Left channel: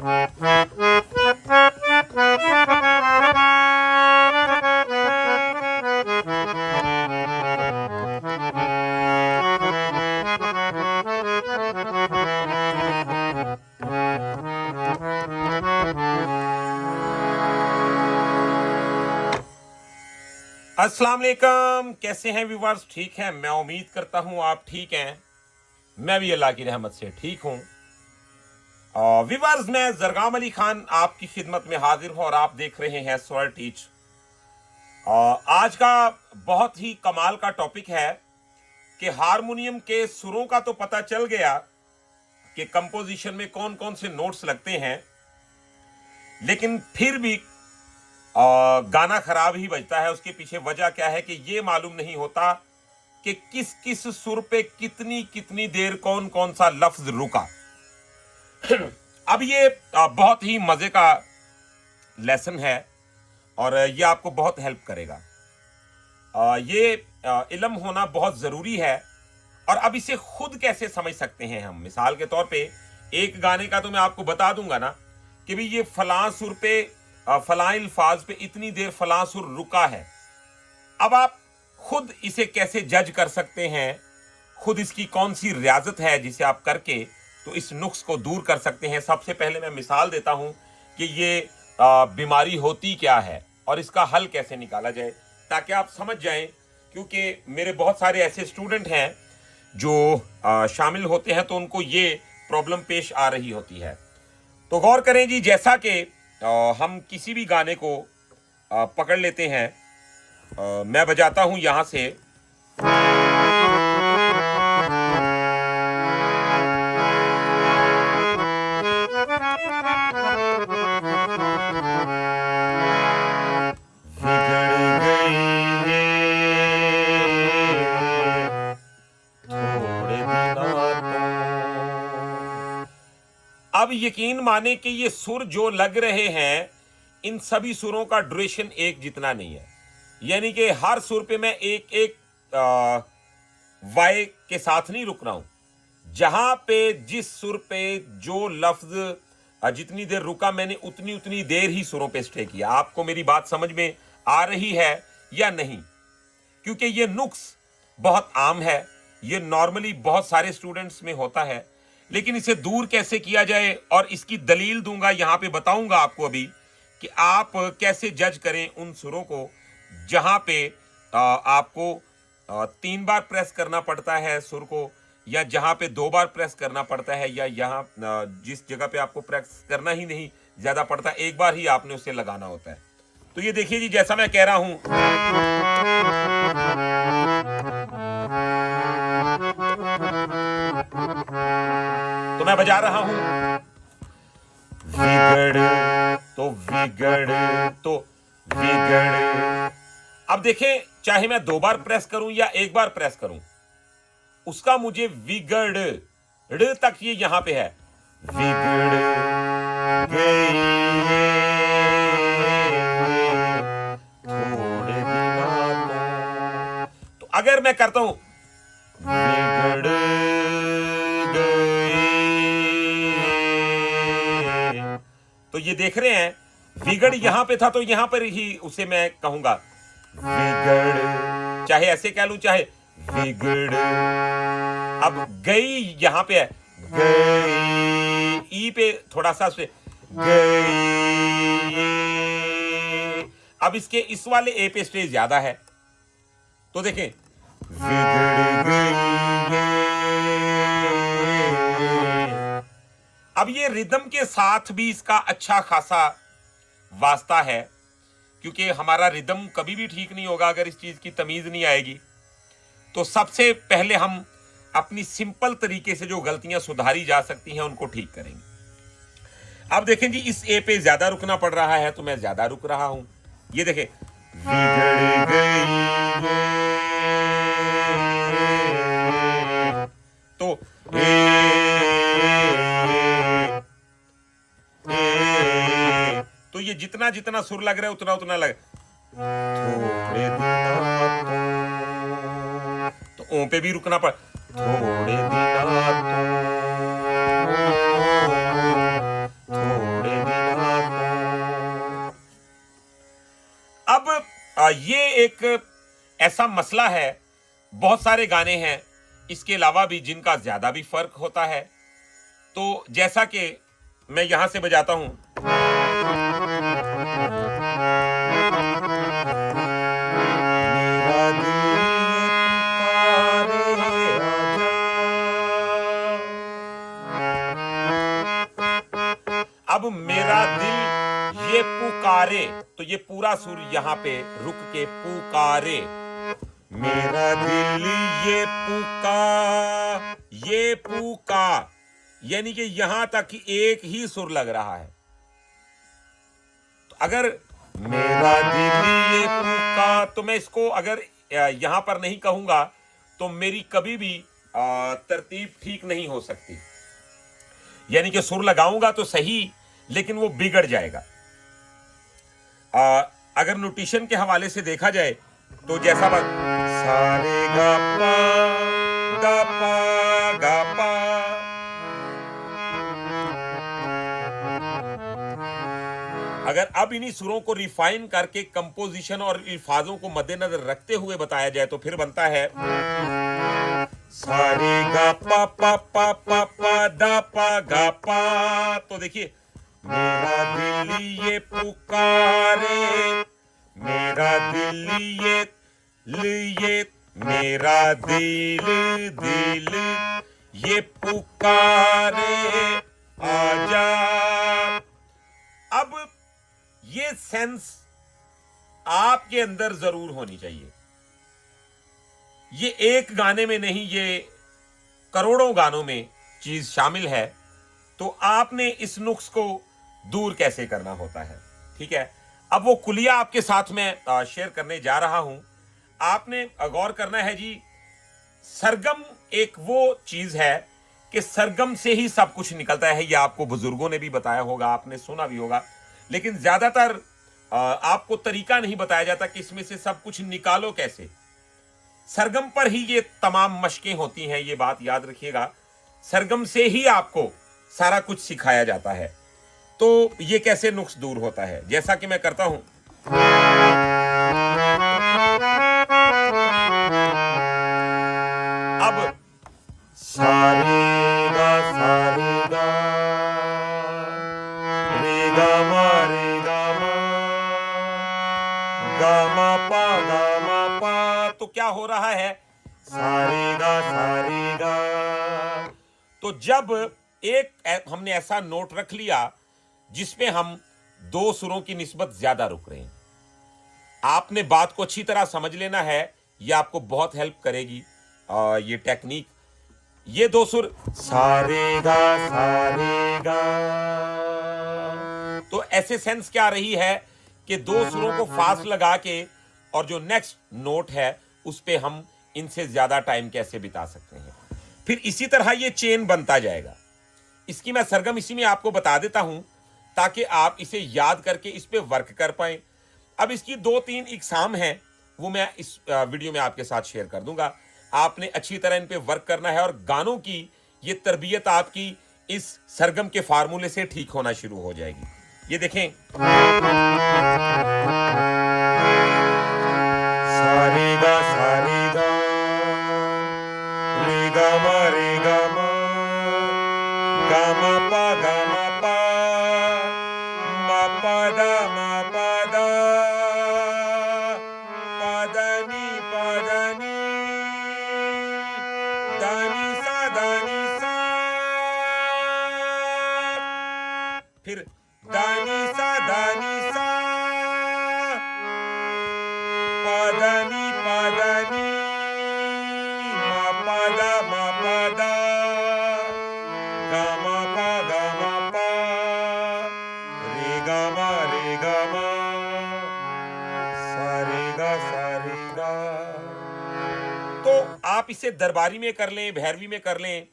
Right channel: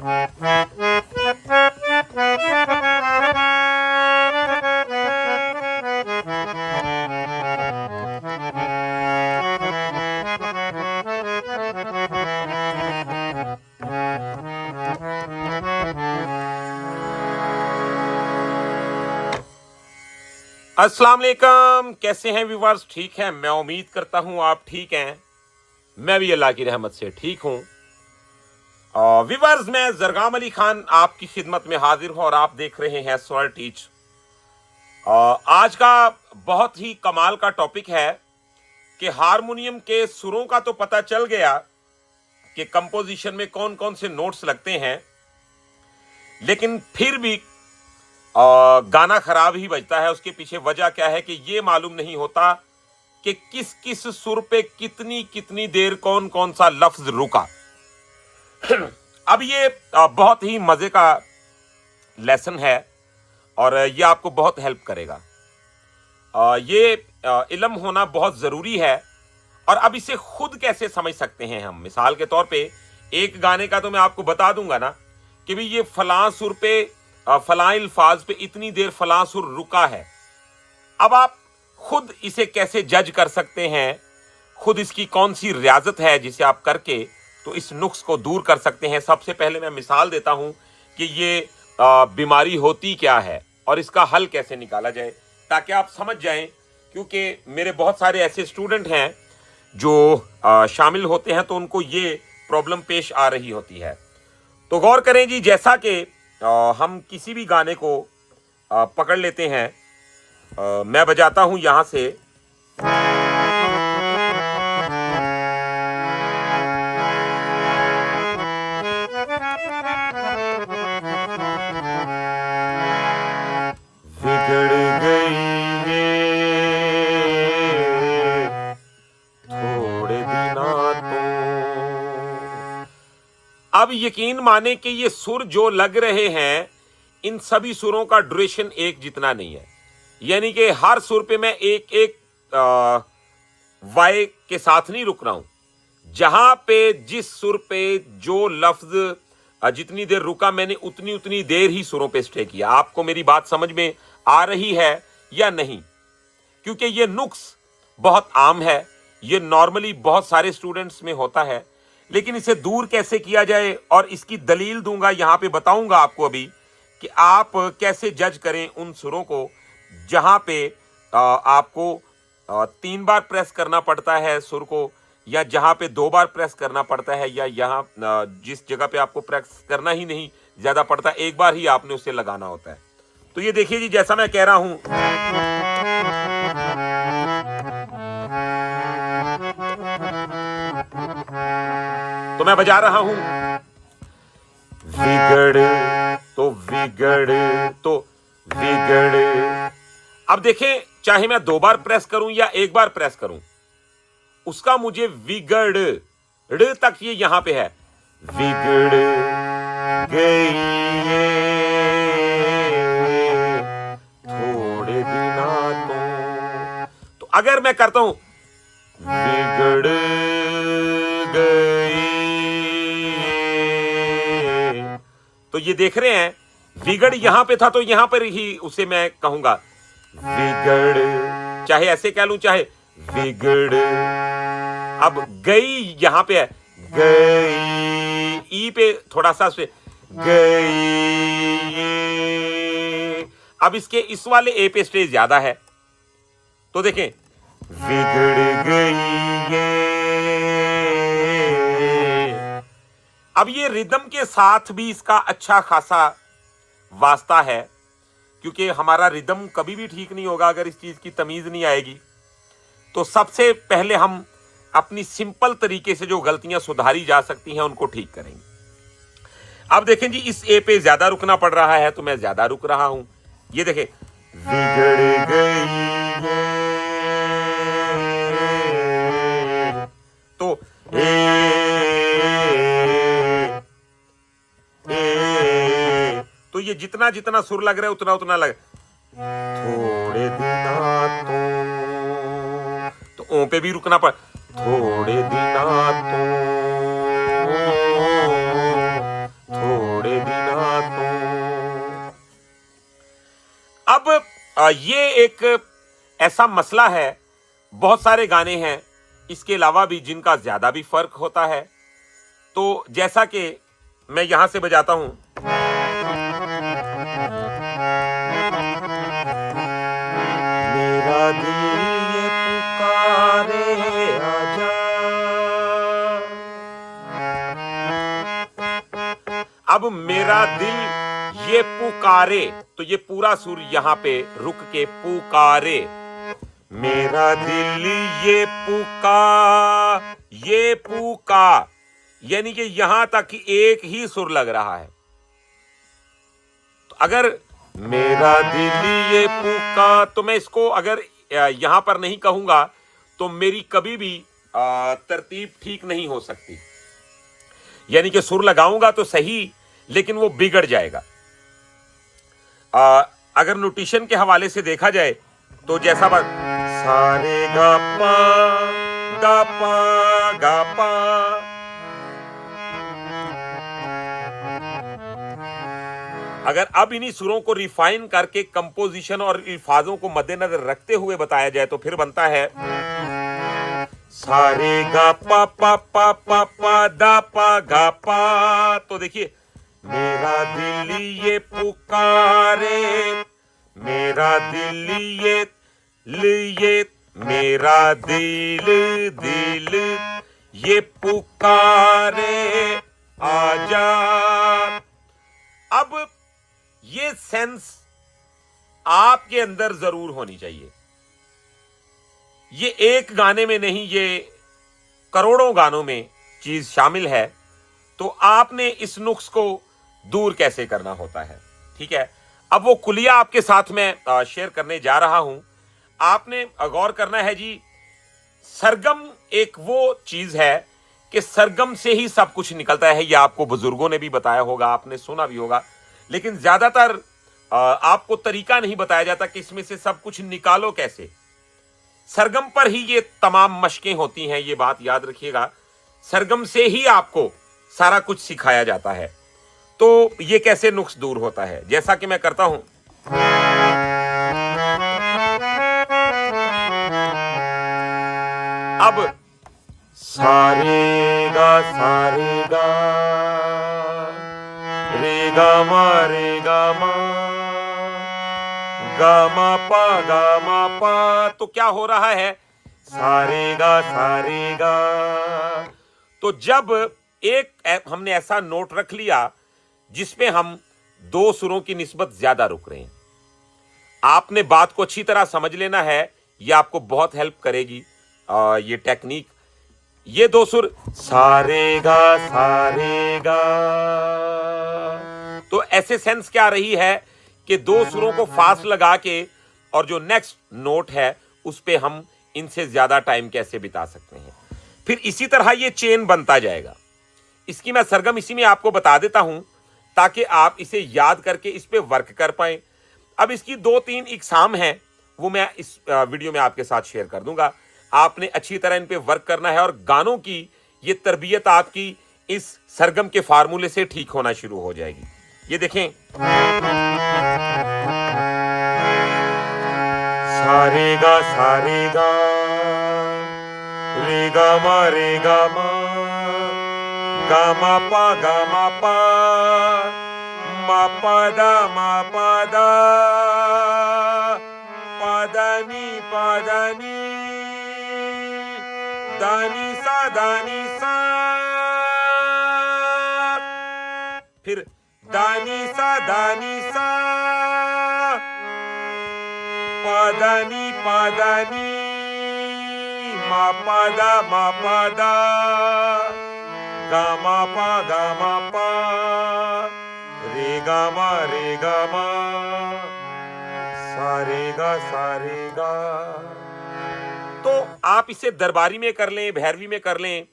अस्सलाम वालेकुम, कैसे हैं व्यूअर्स? ठीक हैं? मैं उम्मीद करता हूं आप ठीक हैं। मैं भी अल्लाह की रहमत से ठीक हूं। व्यूअर्स, मैं जरगाम अली खान आपकी खिदमत में हाजिर हूं और आप देख रहे हैं स्वर टीच। आज का बहुत ही कमाल का टॉपिक है कि हारमोनियम के सुरों का तो पता चल गया कि कंपोजिशन में कौन कौन से नोट्स लगते हैं, लेकिन फिर भी गाना खराब ही बजता है। उसके पीछे वजह क्या है कि ये मालूम नहीं होता कि किस किस सुर पे कितनी कितनी देर कौन कौन सा लफ्ज रुका। अब ये बहुत ही मजे का लेसन है और ये आपको बहुत हेल्प करेगा। ये इल्म होना बहुत जरूरी है। और अब इसे खुद कैसे समझ सकते हैं हम? मिसाल के तौर पे एक गाने का तो मैं आपको बता दूंगा ना कि भाई ये फलां सुर पे फलां अल्फाज पे इतनी देर फलां सुर रुका है। अब आप खुद इसे कैसे जज कर सकते हैं? खुद इसकी कौन सी रियाजत है जिसे आप करके तो इस नुक्स को दूर कर सकते हैं? सबसे पहले मैं मिसाल देता हूं कि ये बीमारी होती क्या है और इसका हल कैसे निकाला जाए, ताकि आप समझ जाएं। क्योंकि मेरे बहुत सारे ऐसे स्टूडेंट हैं जो शामिल होते हैं तो उनको ये प्रॉब्लम पेश आ रही होती है। तो गौर करें जी, जैसा कि हम किसी भी गाने को पकड़ लेते हैं। मैं बजाता हूं यहां से। बिगड़ गई ये थोड़े दिनों तो। अब यकीन माने कि ये सुर जो लग रहे हैं, इन सभी सुरों का ड्यूरेशन एक जितना नहीं है। यानी कि हर सुर पे मैं एक एक वाई के साथ नहीं रुक रहा हूं। जहां पे जिस सुर पे जो लफ्ज जितनी देर रुका, मैंने उतनी उतनी देर ही सुरों पे स्टे किया। आपको मेरी बात समझ में आ रही है या नहीं? क्योंकि ये नुक्स बहुत आम है, ये नॉर्मली बहुत सारे स्टूडेंट्स में होता है, लेकिन इसे दूर कैसे किया जाए और इसकी दलील दूंगा, यहां पे बताऊंगा आपको अभी कि आप कैसे जज करें उन सुरों को जहां पे आपको 3 बार प्रेस करना पड़ता है सुर को, या जहां पे 2 बार प्रेस करना पड़ता है, या यहां जिस जगह पे आपको प्रेस करना ही नहीं ज्यादा पड़ता, 1 बार ही आपने उसे लगाना होता है। तो ये देखिए जी, जैसा मैं कह रहा हूं, तो मैं बजा रहा हूं विगड़ तो विगड़ तो विगड़। अब देखें, चाहे मैं 2 बार प्रेस करूं या 1 बार प्रेस करूं, उसका मुझे विगड़ ड़ तक ये यहां पे है। विगड़ गई थोड़े दिनों तो अगर मैं करता हूं बिगड़ गई, तो ये देख रहे हैं बिगड़ यहां पे था तो यहां पर ही उसे मैं कहूंगा बिगड़। चाहे ऐसे कह लूं, चाहे बिगड़। अब गई यहां पे है, गई ई पे थोड़ा सा से गई। अब इसके इस वाले ए पे स्टेज ज्यादा है, तो देखें बिगड़ गई ये। अब ये रिदम के साथ भी इसका अच्छा खासा वास्ता है, क्योंकि हमारा रिदम कभी भी ठीक नहीं होगा अगर इस चीज की तमीज नहीं आएगी। तो सबसे पहले हम अपनी सिंपल तरीके से जो गलतियां सुधारी जा सकती हैं उनको ठीक करेंगे। अब देखें जी, इस ए पे ज्यादा रुकना पड़ रहा है तो मैं ज्यादा रुक रहा हूं। ये देखें, बिगड़ गई तो तो ये जितना जितना सुर लग रहा है उतना उतना लग। थोड़े दिनों तो ओ पे भी रुकना पड़। थोड़े दिनों ये एक ऐसा मसला है, बहुत सारे गाने हैं इसके अलावा भी जिनका ज्यादा भी फर्क होता है। तो जैसा कि मैं यहां से बजाता हूं, मेरा दिल ये पुकारे आजा, अब मेरा दिल ये पुकारे, तो ये पूरा सुर यहां पे रुक के पुकारे, मेरा दिल ये पुका, यानी कि यहां तक कि एक ही सुर लग रहा है। तो अगर मेरा दिल ये पुका, तो मैं इसको अगर यहां पर नहीं कहूंगा तो मेरी कभी भी तरतीब ठीक नहीं हो सकती। यानी कि सुर लगाऊंगा तो सही, लेकिन वो बिगड़ जाएगा। अगर नोटेशन के हवाले से देखा जाए तो जैसा सारे गा पा गा पा गा पा, अगर अब इन्हीं सुरों को रिफाइन करके कंपोजिशन और अल्फाजों को मद्देनजर रखते हुए बताया जाए तो फिर बनता है सारे गा पा पा पा पा पा दा पा गा पा। तो देखिए, मेरा दिल ये पुकारे, मेरा दिल ये मेरा दिल ये पुकारे आजा। अब ये सेंस आपके अंदर जरूर होनी चाहिए। ये एक गाने में नहीं, ये करोड़ों गानों में चीज शामिल है। तो आपने इस नुक्स को दूर कैसे करना होता है, ठीक है। अब वो कुलिया आपके साथ में शेयर करने जा रहा हूं। आपने गौर करना है जी, सरगम एक वो चीज है कि सरगम से ही सब कुछ निकलता है। ये आपको बुजुर्गों ने भी बताया होगा, आपने सुना भी होगा, लेकिन ज्यादातर आपको तरीका नहीं बताया जाता कि इसमें से सब कुछ निकालो कैसे। सरगम पर ही ये तमाम मशकें होती हैं, ये बात याद रखिएगा। सरगम से ही आपको सारा कुछ सिखाया जाता है। तो ये कैसे नुक्स दूर होता है, जैसा कि मैं करता हूं। अब सारे गा रे गा मा गा मा पा। तो क्या हो रहा है, सारे गा। तो जब एक हमने ऐसा नोट रख लिया जिसमें हम दो सुरों की निस्बत ज्यादा रुक रहे हैं, आपने बात को अच्छी तरह समझ लेना है। यह आपको बहुत हेल्प करेगी ये टेक्निक। ये दो सुर सारे गा, तो ऐसे सेंस क्या रही है कि दो सुरों को फास्ट लगा के और जो नेक्स्ट नोट है उस पे हम इनसे ज्यादा टाइम कैसे बिता सकते हैं। फिर इसी तरह ये चेन बनता जाएगा। इसकी मैं सरगम इसी में आपको बता देता हूं ताकि आप इसे याद करके इस पे वर्क कर पाए। अब इसकी 2-3 इकसाम हैं, वो मैं इस वीडियो में आपके साथ शेयर कर दूंगा। आपने अच्छी तरह इन पे वर्क करना है और गानों की ये तरबियत आपकी इस सरगम के फार्मूले से ठीक होना शुरू हो जाएगी। ये देखें, सारे गा रे गा मा गा मा पा मा पा दा पा नी दानी सा, फिर दानी सा पादानी मा पादा गा मा पा रे गा मा सारे गा। तो आप इसे दरबारी में कर लें, भैरवी में कर लें,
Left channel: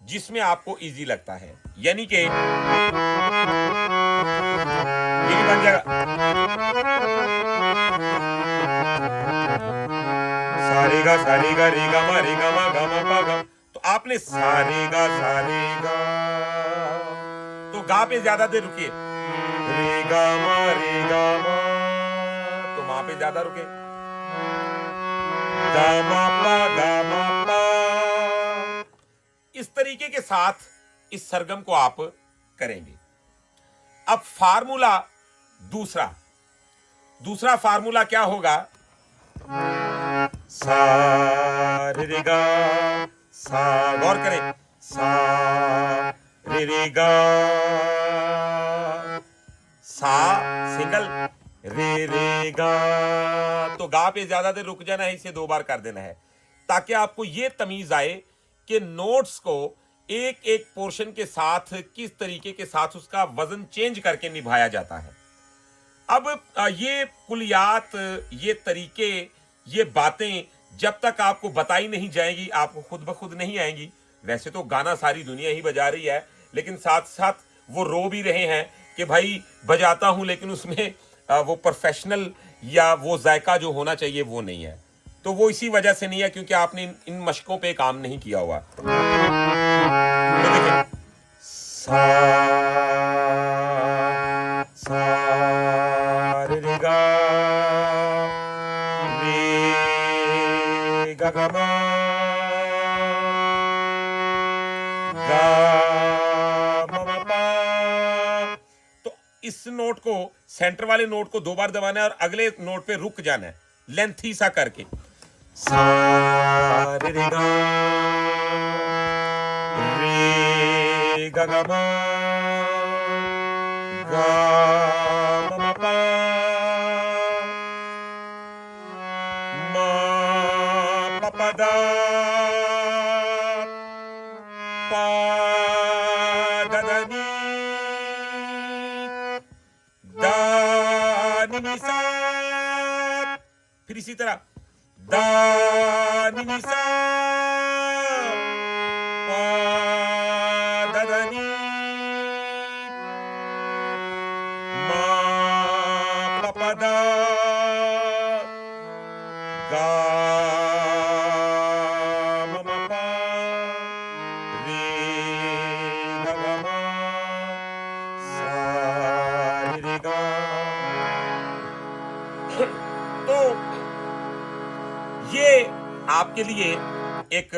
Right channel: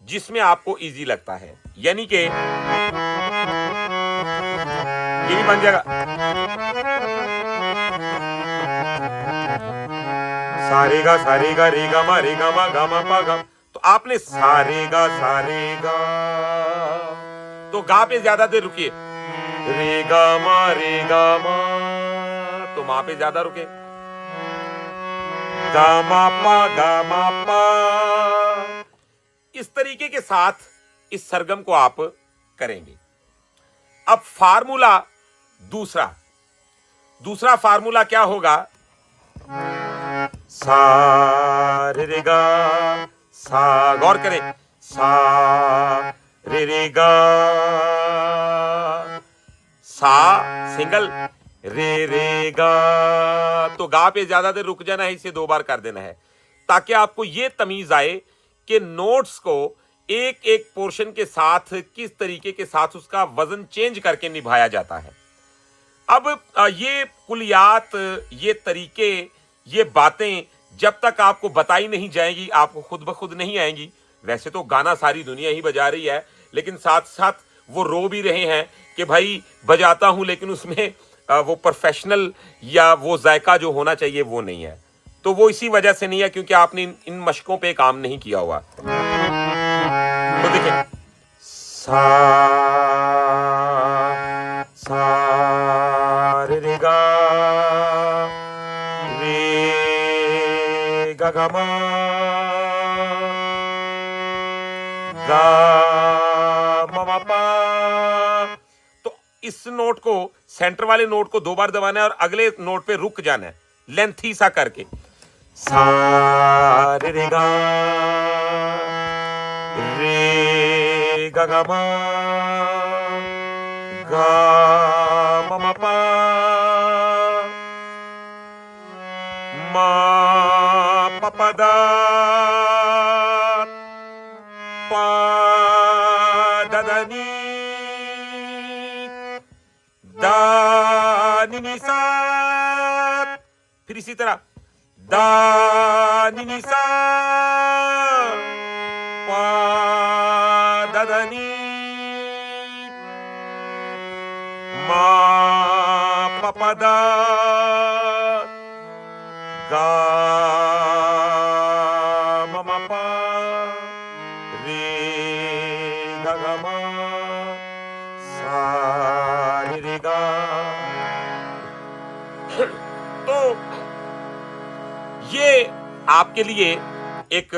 जिसमें आपको इजी लगता है। यानी कि ये भी बन जाएगा, सारे गा रे गा मा गा मा पा गा। तो आपने सारे गा तो गा पे ज्यादा देर रुकिए, रे गा मा तो वहां पे ज्यादा रुके। गा मा पा गा मा पा। इस तरीके के साथ इस सरगम को आप करेंगे। अब फार्मूला दूसरा दूसरा फार्मूला क्या होगा? सा रे रे गा सा, गौर करें, सा रे रे गा, सा सिंगल, रे रे गा। तो गा पे ज्यादा देर रुक जाना है, इसे 2 बार कर देना है ताकि आपको यह तमीज आए कि नोट्स को एक एक पोर्शन के साथ किस तरीके के साथ उसका वजन चेंज करके निभाया जाता है। अब ये कुलियात, ये तरीके, ये बातें जब तक आपको बताई नहीं जाएगी आपको खुद ब खुद नहीं आएंगी। वैसे तो गाना सारी दुनिया ही बजा रही है, लेकिन साथ साथ वो रो भी रहे हैं कि भाई बजाता हूं लेकिन उसमें वो प्रोफेशनल या वो जायका जो होना चाहिए वो नहीं है। तो वो इसी वजह से नहीं है क्योंकि आपने इन मशकों पे काम नहीं किया हुआ। तो देखिए, सा सा रे रे गा रे गा गा मा गा मा मा पा। तो इस नोट को, सेंटर वाले नोट को 2 बार दबाना है और अगले नोट पे रुक जाना है लेंथी सा करके। सा रे रे गा रे गा गा मा गा मा मा पा मा पा पा दा पा दा दा नी दा नी नी सा। फिर इसी तरह दा नी नी सा पा दा दा नी मा पा पा दा गा मा मा पा रे गा गा मा सा रे रे गा। तो ये आपके लिए एक,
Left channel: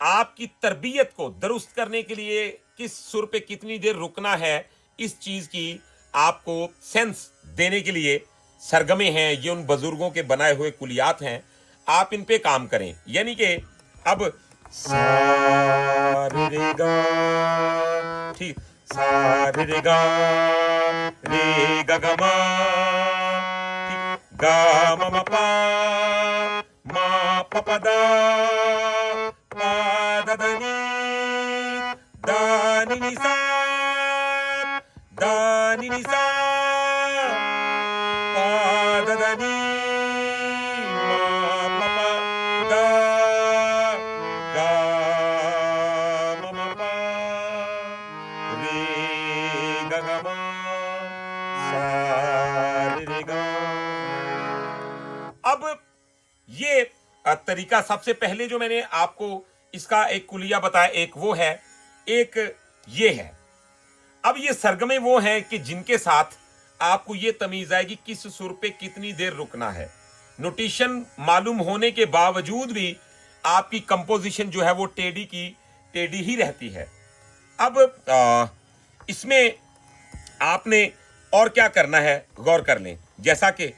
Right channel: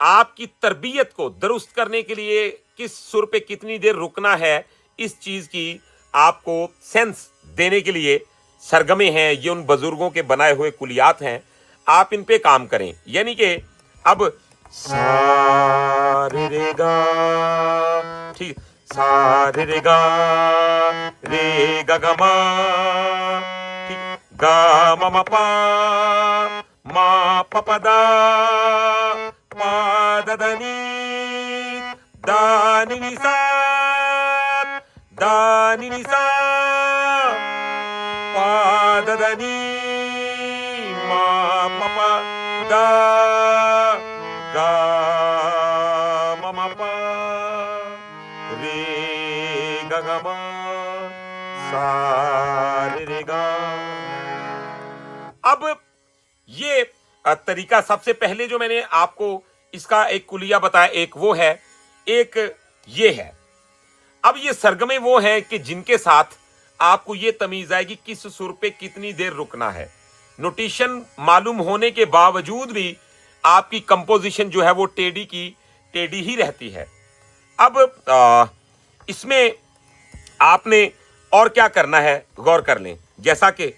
आपकी तरबियत को दुरुस्त करने के लिए किस सुर पे कितनी देर रुकना है, इस चीज की आपको सेंस देने के लिए सरगमे हैं। ये उन बुजुर्गों के बनाए हुए कुलियात हैं, आप इन पे काम करें। यानी कि अब सा रे रे गा, ठीक, सा रे रे गा रे गा गा मा, ठीक, गा मा मा पा मा पा पा दा पा दा दा नी दा नी नी सा दा नी नी सा पा दा दा नी मा पा पा दा गा मा मा पा रे गा गा मा सा रे रे गा। अब ये तरीका, सबसे पहले जो मैंने आपको इसका एक कुलिया बताया, एक वो है, एक ये है। अब ये सरगमे वो हैं कि जिनके साथ आपको ये तमीज आएगी किस सुर पे कितनी देर रुकना है। नोटेशन मालूम होने के बावजूद भी आपकी कंपोजिशन जो है वो टेढ़ी की टेढ़ी ही रहती है। अब इसमें आपने और क्या करना है गौर कर लें, जैसा कि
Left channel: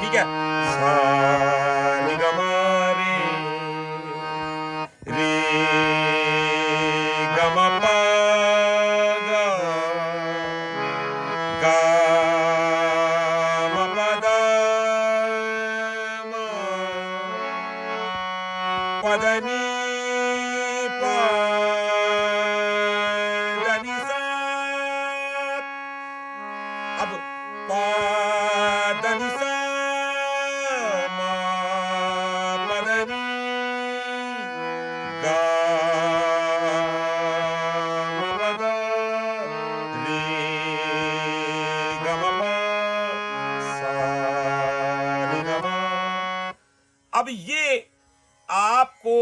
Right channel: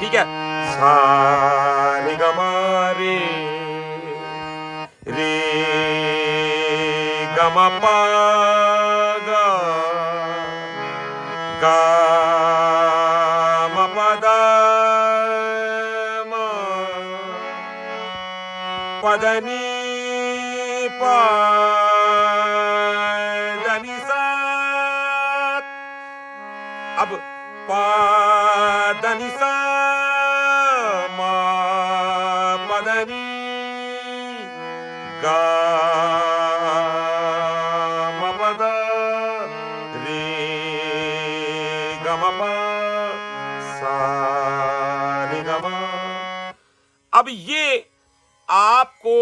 ठीक है, सा रे गा मा रे रे गा मा पा गा गा मा पा दा मा पा दा नी पा दा नी सा। अब पा दा नी सा मा पा दा नी गा मा पा दा रे गा मा पा सा रे गा मा। अब ये आपको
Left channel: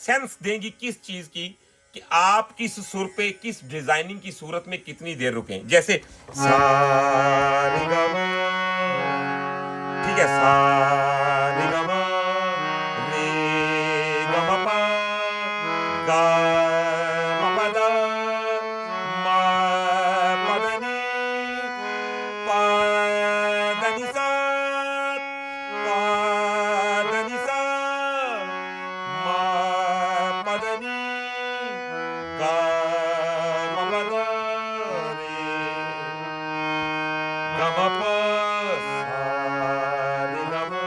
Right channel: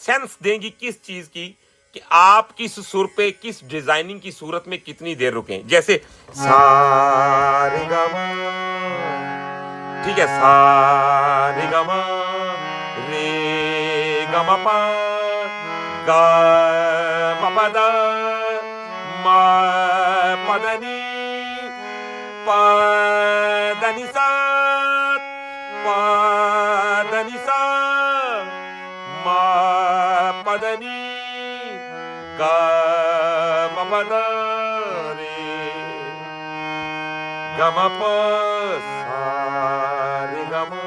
सेंस देंगी किस चीज की, कि आप किस सुर पे, किस डिजाइनिंग की सूरत में कितनी देर रुकें। जैसे सा रे गा मा, ठीक है, सा रे गा मा, रे गा मा पा, गा मा पा दा, मा पा दा नी, पा दा नी सा, पा दा नी सा, मा पा दा नी, गा मा पा दा रे, गा मा पा, सा रे गा मा।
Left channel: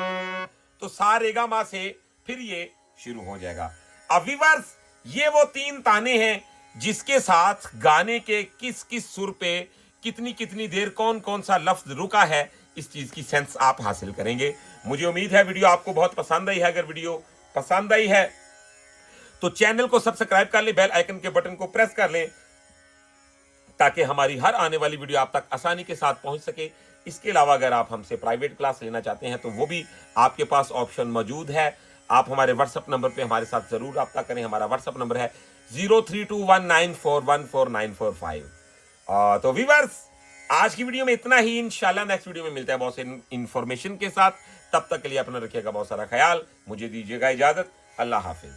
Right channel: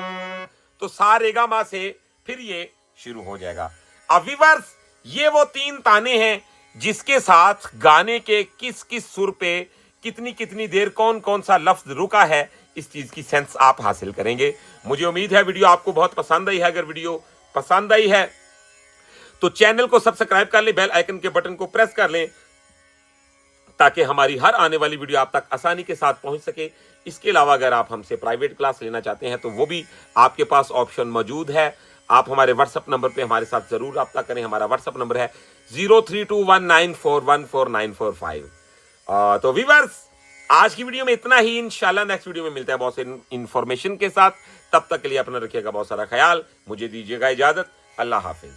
तो सा रे गा मा से फिर ये शुरू हो जाएगा। अब व्यूअर्स, ये वो 3 ताने हैं जिसके साथ गाने के किस किस सुर पे कितनी कितनी देर कौन कौन सा लफ्ज रुका है, इस चीज की सेंस आप हासिल करेंगे। मुझे उम्मीद है वीडियो आपको बहुत पसंद आई है। अगर वीडियो पसंद आई है तो चैनल को सब्सक्राइब कर लें, बेल आइकन के बटन को प्रेस कर लें, ताकि हमारी हर आने वाली वीडियो आप तक आसानी के साथ पहुंच सके। इसके अलावा अगर आप हमसे प्राइवेट क्लास लेना चाहते हैं तो वो भी आपके पास ऑप्शन मौजूद है। आप हमारे व्हाट्सएप नंबर पे हमारे साथ जरूर रब्ता करें। हमारा व्हाट्सएप नंबर है 0321941445। तो व्यूअर्स, आज की वीडियो में इतना ही। इंशाल्लाह नेक्स्ट वीडियो में मिलते हैं बहुत से इंफॉर्मेशन के साथ। तब तक के लिए अपना रखिएगा बहुत सारा ख्याल। मुझे दीजिएगा इजाजत। अल्लाह हाफिज।